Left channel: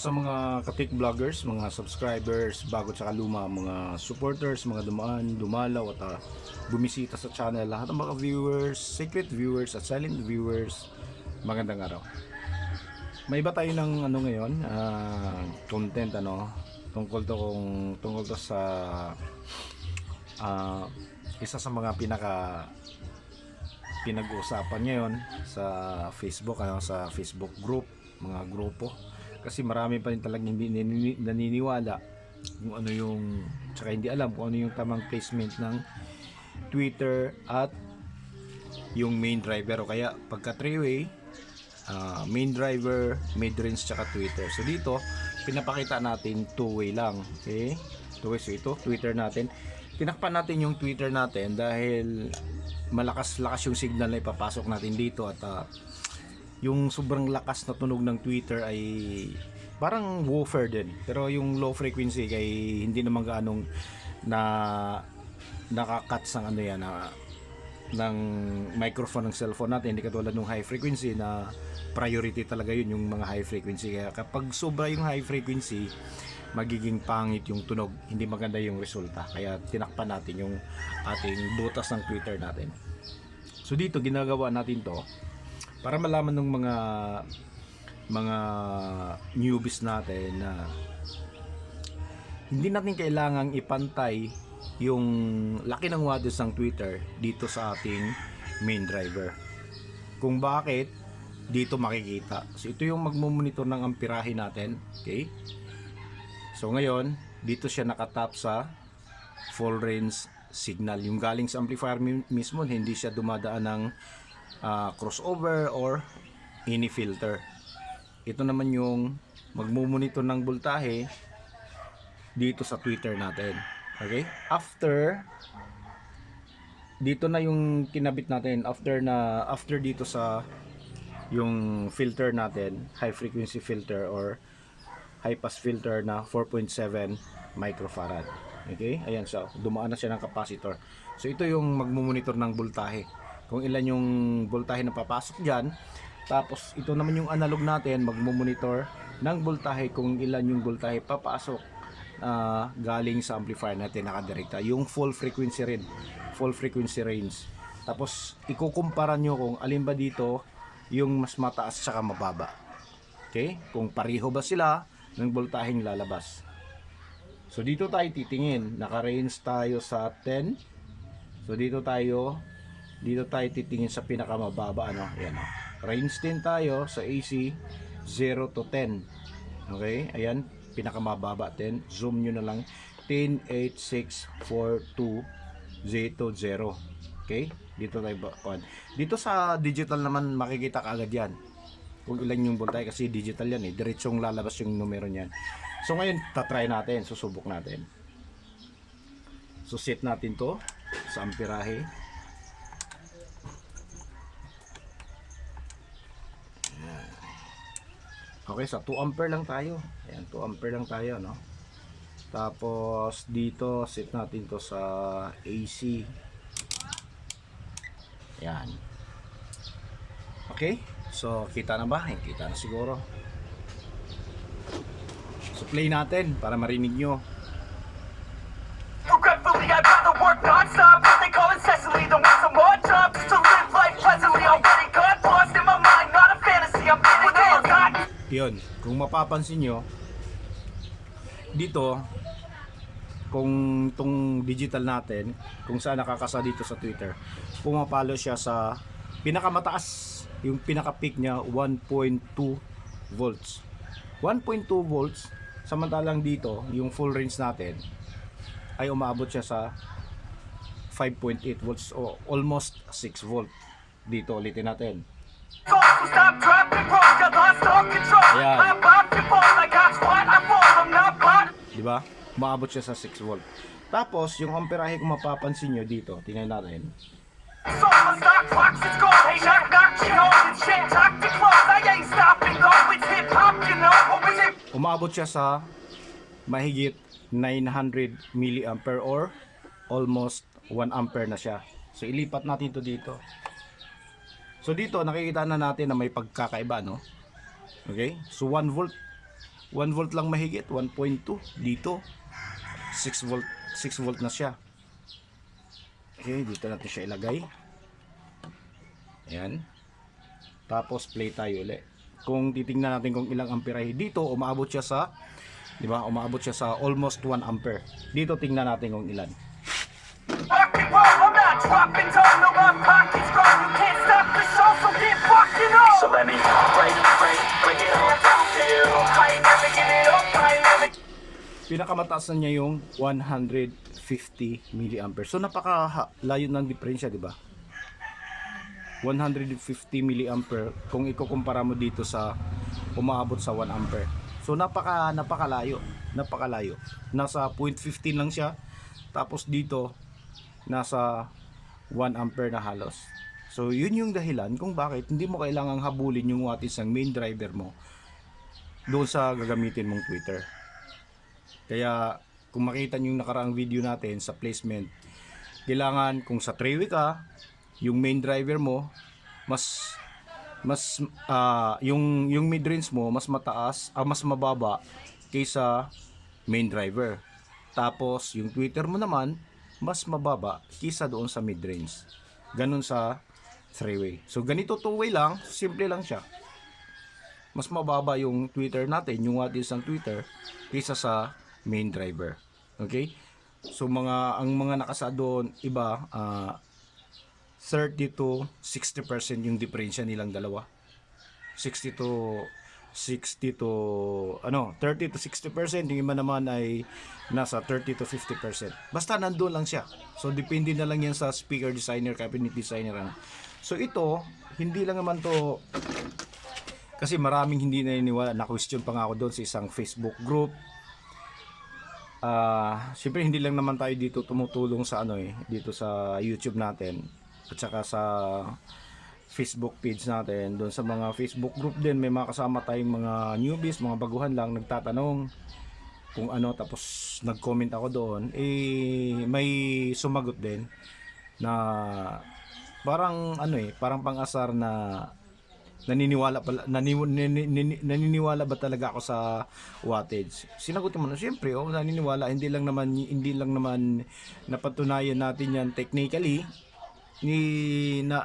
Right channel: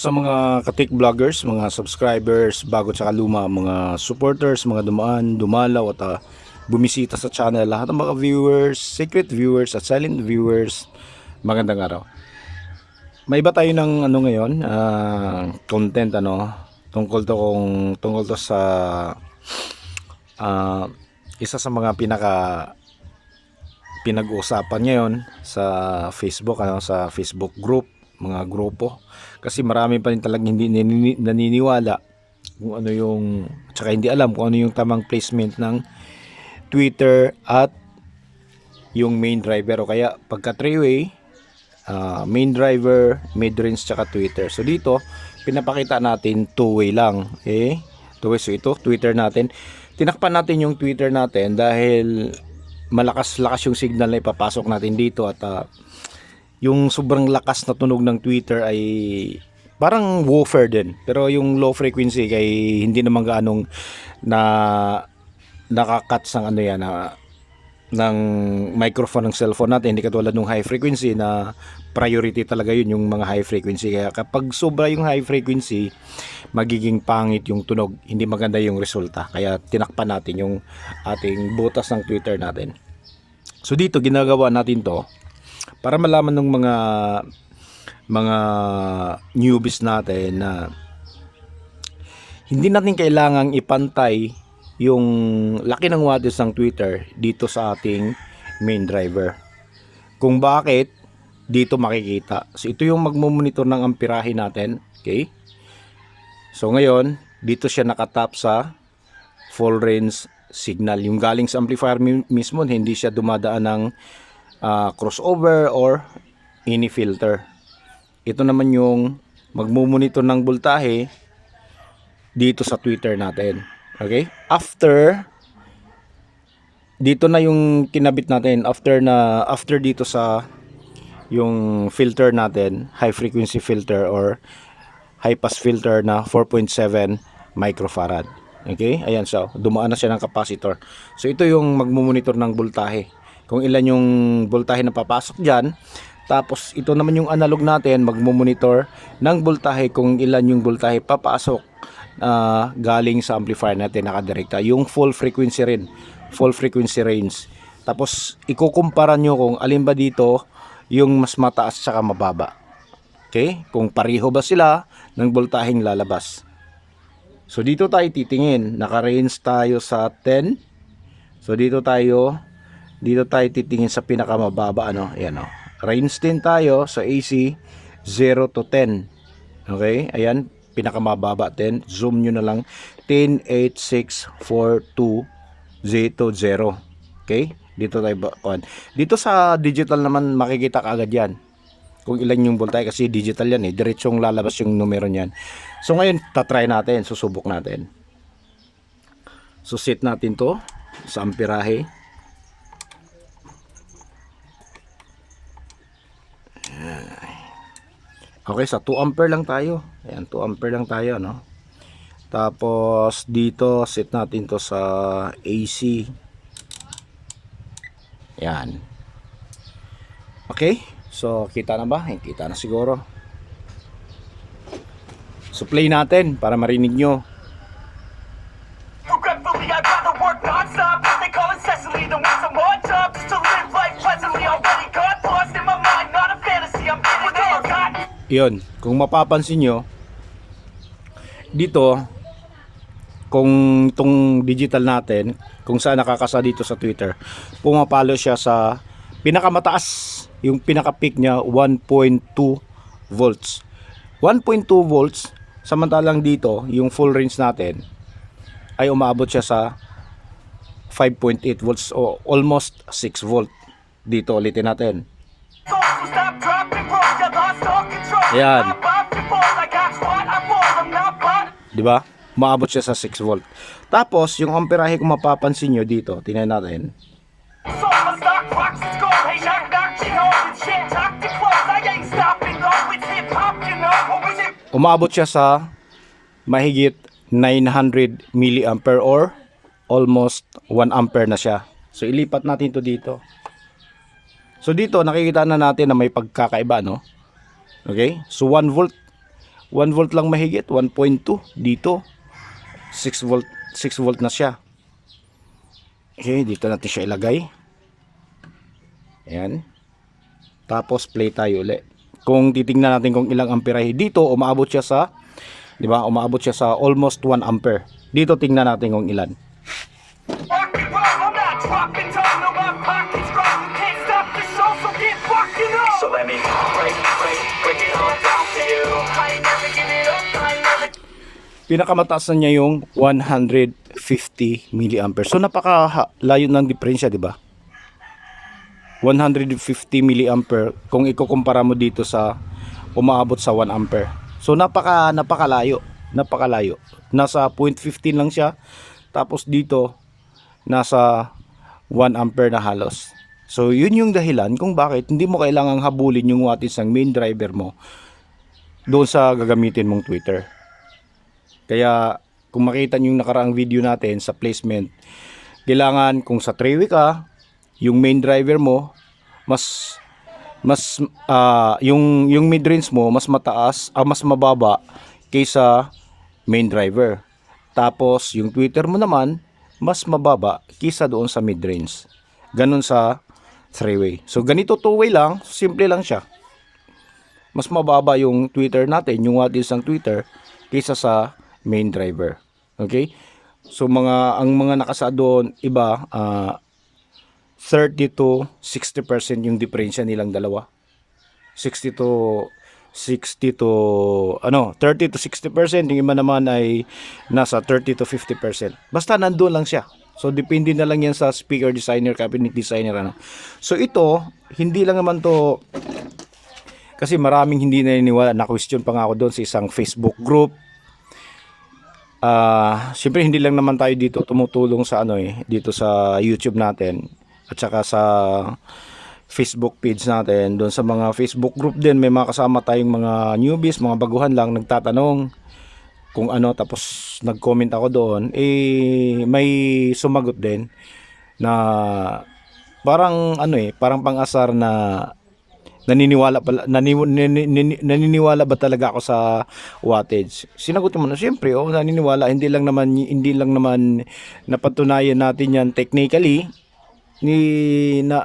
sa mga katik vloggers, mga subscribers, bago tsaka luma, mga supporters, mga dumaan, dumalaw at bumisita sa channel, lahat ng mga viewers, secret viewers at silent viewers, magandang araw. May iba tayo ng ano ngayon, content tungkol to sa isa sa mga pinag-uusapan ngayon sa Facebook, sa Facebook group, mga grupo, kasi marami pa rin talagang hindi naniniwala kung ano yung, tsaka hindi alam kung ano yung tamang placement ng Twitter at yung main driver, o kaya pagka three-way, main driver, mid-range tsaka Twitter. So dito pinapakita natin two-way lang, okay? Two-way. So ito Twitter natin, tinakpan natin yung Twitter natin dahil malakas-lakas yung signal na ipapasok natin dito, at yung sobrang lakas na tunog ng Twitter ay parang woofer din, pero yung low frequency kay hindi naman gaanong na nakakat sang ano yan ng microphone ng cellphone natin, hindi katulad ng high frequency na priority talaga yun, yung mga high frequency. Kaya kapag sobra yung high frequency, magiging pangit yung tunog, hindi maganda yung resulta. Kaya tinakpan natin yung ating butas ng Twitter natin. So dito ginagawa natin to para malaman ng mga newbies natin na hindi natin kailangang ipantay yung laki ng wattage ng Twitter dito sa ating main driver. Kung bakit, dito makikita. So ito yung magmo-monitor ng amperahe natin, okay? So ngayon, dito siya nakatap sa full range signal. Yung galing sa amplifier mismo, hindi siya dumadaan ng crossover or any filter. Ito naman yung magmo-monitor ng voltahe dito sa Twitter natin. Okay? After dito na yung kinabit natin, after dito sa yung filter natin, high frequency filter or high pass filter na 4.7 microfarad. Okay? Ayan, so dumaan na siya ng capacitor. So ito yung magmo-monitor ng voltahe, kung ilan yung voltahe na papasok dyan. Tapos ito naman yung analog natin, magmo-monitor ng voltahe kung ilan yung voltahe papasok galing sa amplifier natin nakadirekta, yung full frequency rin, full frequency range. Tapos ikukumpara nyo kung alin ba dito yung mas mataas saka mababa. Okay? Kung pareho ba sila ng voltaheng lalabas. So dito tayo titingin, naka-range tayo sa 10. So dito tayo titingin sa pinakamababa, ayan, range 10 tayo sa AC 0 to 10. Okay? Ayan, pinakamababa 10. Zoom nyo na lang 10, 8, 6, 4, 2, 0. Okay? Dito tayo dito sa digital naman makikita kaagad yan kung ilan yung voltahe, kasi digital yan diretsong lalabas yung numero niyan. So ngayon tatry natin, susubok natin. So set natin to sa amperahe. Okay, sa 2 ampere lang tayo. Ayan, 2 ampere lang tayo, Tapos dito set natin to sa AC. Yan. Okay, so kita na ba? Kita na siguro. So play natin para marinig nyo. Regretfully, I'd rather work non-stop. They call incessantly, don't want some more jobs. Just to live life pleasantly, already got lost in my mind, not a fantasy. I'm getting all time. Yun, kung mapapansin nyo dito, kung itong digital natin, kung saan nakakasa dito sa Twitter, pumapalo siya sa pinakamataas, yung pinaka-peak niya 1.2 volts. 1.2 volts, samantalang dito yung full range natin ay umabot siya sa 5.8 volts o almost 6 volt. Dito ulitin natin. Ayan. Diba? Maabot siya sa 6 volt. Tapos yung amperahe, kung mapapansin nyo dito, tingnan natin. Umabot siya sa mahigit 900 milliampere or almost 1 ampere na siya. So ilipat natin to dito. So dito nakikita na natin na may pagkakaiba, no? Okay? So 1 volt 1 volt lang mahigit, 1.2 dito. 6 volt, 6 volt na siya. Okay, dito natin siya ilagay. Ayan. Tapos play tayo ulit. Kung titingnan natin kung ilang amperahe dito, umaabot siya sa, di ba? Umaabot siya sa almost 1 ampere. Dito tingnan natin kung ilan. Rock and roll, I'm not dropping down, no, my pocket's strong. You can't stop the show, so keep rocking on. So let me break it all down for you. I ain't never giving up, I ain't never. Pinakamataas na niya yung 150 milliampere. So napakalayo ng diferensya, di ba? 150 milliampere kung ikukumpara mo dito sa umaabot sa 1 ampere. So napakalayo. Nasa 0.15 lang siya. Tapos dito nasa 1 ampere na halos. So yun yung dahilan kung bakit hindi mo kailangang habulin yung wattage ng main driver mo doon sa gagamitin mong tweeter. Kaya kung makita niyo yung nakaraang video natin sa placement, kailangan kung sa 3-way ka, yung main driver mo yung mid-range mo mas mataas, mas mababa kaysa main driver. Tapos yung tweeter mo naman mas mababa kaysa doon sa mid-range. Ganun sa 3-way. So ganito 2-way lang, simple lang siya. Mas mababa yung tweeter natin, yung wattage ng tweeter kaysa sa main driver. Okay? So ang mga nakasa doon iba 30 to 60% yung diferensya nilang dalawa. 30 to 60%, yung iba naman ay nasa 30 to 50%. Basta nandoon lang siya. So depende na lang yan sa speaker designer, cabinet designer ano. So ito, hindi lang naman to, kasi maraming hindi naniniwala, na question pa nga ako doon sa isang Facebook group. Siyempre hindi lang naman tayo dito tumutulong sa dito sa YouTube natin at saka sa Facebook page natin. Doon sa mga Facebook group din may mga kasama tayong mga newbies, mga baguhan lang nagtatanong kung tapos nag-comment ako doon, may sumagot din na parang parang pang-asar na naniniwala ba talaga ako sa wattage. Sinagot mo na siyempre, naniniwala, hindi lang naman napatunayan natin yan technically,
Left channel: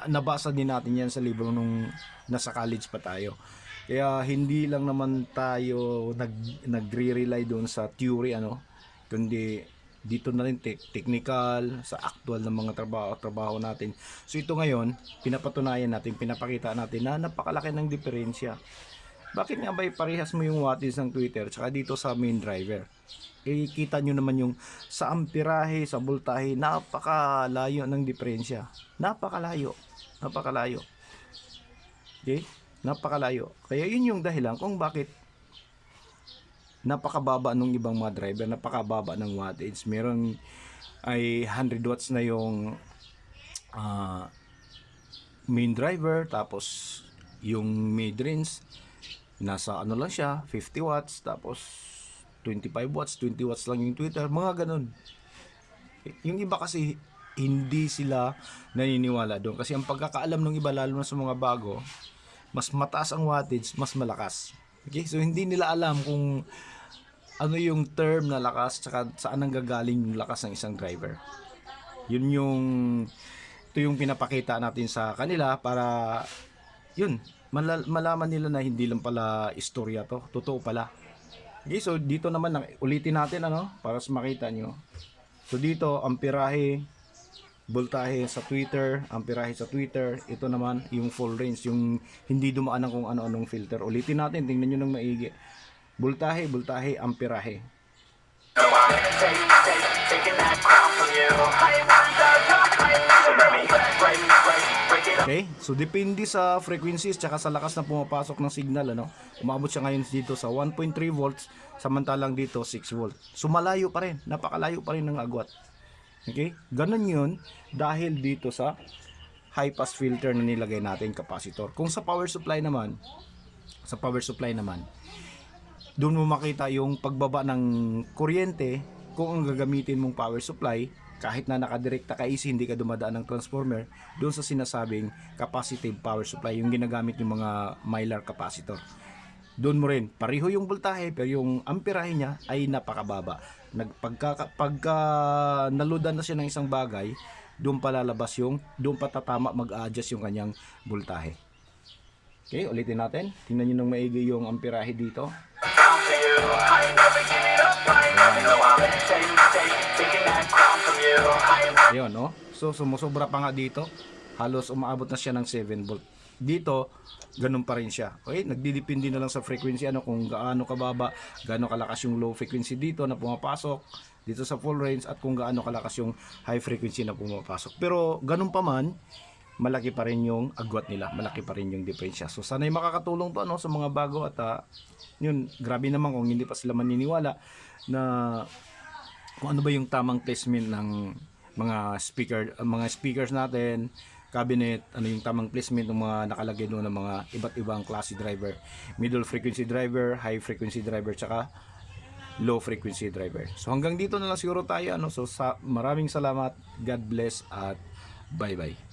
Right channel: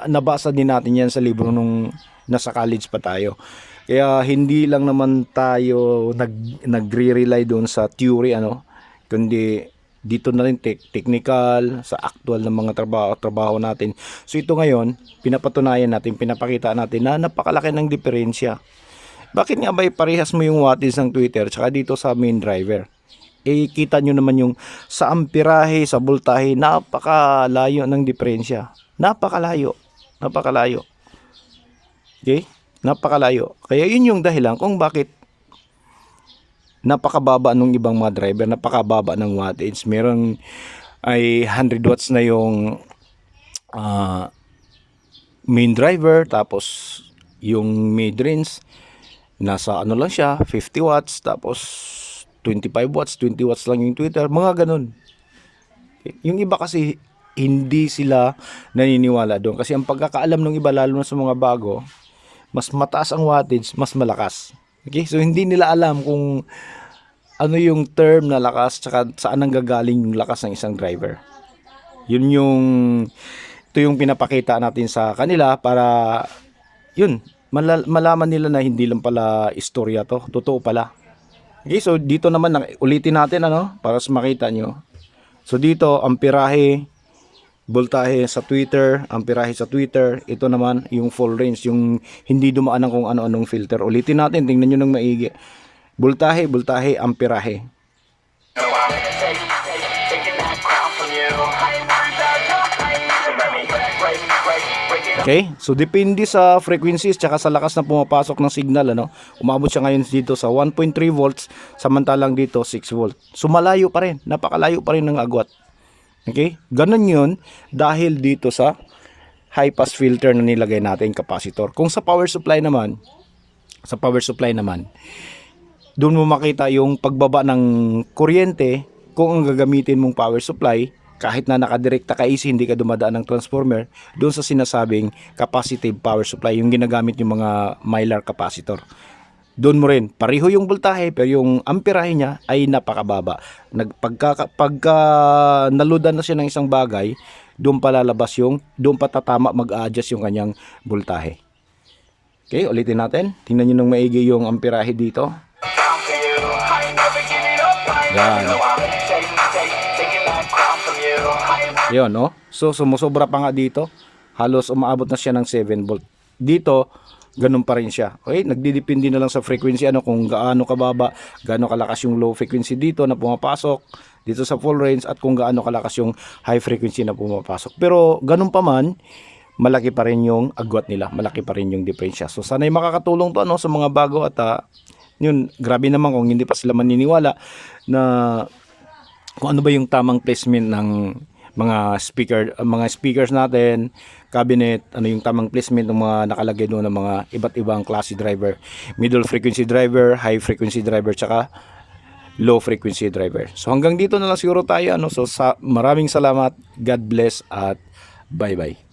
nabasa din natin yan sa libro nung nasa college pa tayo. Kaya hindi lang naman tayo nagre-rely doon sa theory kundi dito na rin technical sa actual ng mga trabaho natin. So ito ngayon, pinapatunayan natin, pinapakita natin na napakalaki ng diferensya. Bakit nga ba parehas mo yung wattage ng tweeter tsaka dito sa main driver? Kita nyo naman yung sa amperahe, sa voltahe, napakalayo ng diferensya. Napakalayo. Okay? Napakalayo. Kaya yun yung dahilan kung bakit napakababa nung ibang mga driver, napakababa ng wattage. Meron ay 100 watts na yung main driver, tapos yung mid-range nasa lang siya, 50 watts, tapos 25 watts, 20 watts lang yung tweeter, mga ganun. Yung iba kasi hindi sila naniniwala doon kasi ang pagkakaalam ng iba, lalo na sa mga bago, mas mataas ang wattage, mas malakas. Okay? So hindi nila alam kung ano yung term na lakas tsaka saan nanggagaling yung lakas ng isang driver. Ito yung pinapakita natin sa kanila para malaman nila na hindi lang pala istorya to, totoo pala. Okay, so dito naman ulitin natin para makita nyo. So dito amperahe, voltahe sa tweeter, amperahe sa tweeter. Ito naman yung full range, yung hindi dumaan ng kung ano-anong filter. Ulitin natin, tingnan nyo ng maigi. Voltahe, amperahe. Okay, so depende sa frequencies tsaka sa lakas na pumapasok ng signal umabot siya ngayon dito sa 1.3 volts, samantalang dito 6 volt. So malayo pa rin, napakalayo pa rin ng agwat. Okay, ganun yun dahil dito sa high pass filter na nilagay natin capacitor. Kung sa power supply naman, doon mo makita yung pagbaba ng kuryente kung ang gagamitin mong power supply, kahit na nakadirekta ka AC, hindi ka dumadaan ng transformer, doon sa sinasabing capacitive power supply, yung ginagamit yung mga Mylar capacitor. doon mo rin, pareho yung voltahe pero yung amperahe niya ay napakababa. Pagka naludan na siya ng isang bagay, doon pa lalabas doon pa tatama mag-a-adjust yung kanyang voltahe. Okay, ulitin natin. Tingnan nyo ng maigi yung amperahe dito. Down to you. I ain't never giving up. I ain't Yan. never know I'm taking that crown from you. I ain't Yun, no? So, sumusobra pa nga dito. Halos umaabot na siya ng 7 volt. Dito, ganun pa rin siya. Okay? Nagdidepende na lang sa frequency, kung gaano kababa, gaano kalakas yung low frequency dito na pumapasok, dito sa full range, at kung gaano kalakas yung high frequency na pumapasok. Pero, ganun pa man, malaki pa rin yung agwat nila. Malaki pa rin yung diferensya. So, sana'y makakatulong to, sa mga bago at yun, grabe naman kung hindi pa sila maniniwala na kung ano ba yung tamang placement ng mga speakers natin, cabinet, ano yung tamang placement ng mga nakalagay doon ng mga iba't ibang klase driver, middle frequency driver, high frequency driver, tsaka low frequency driver. So hanggang dito na lang siguro tayo, so maraming salamat, God bless at bye bye.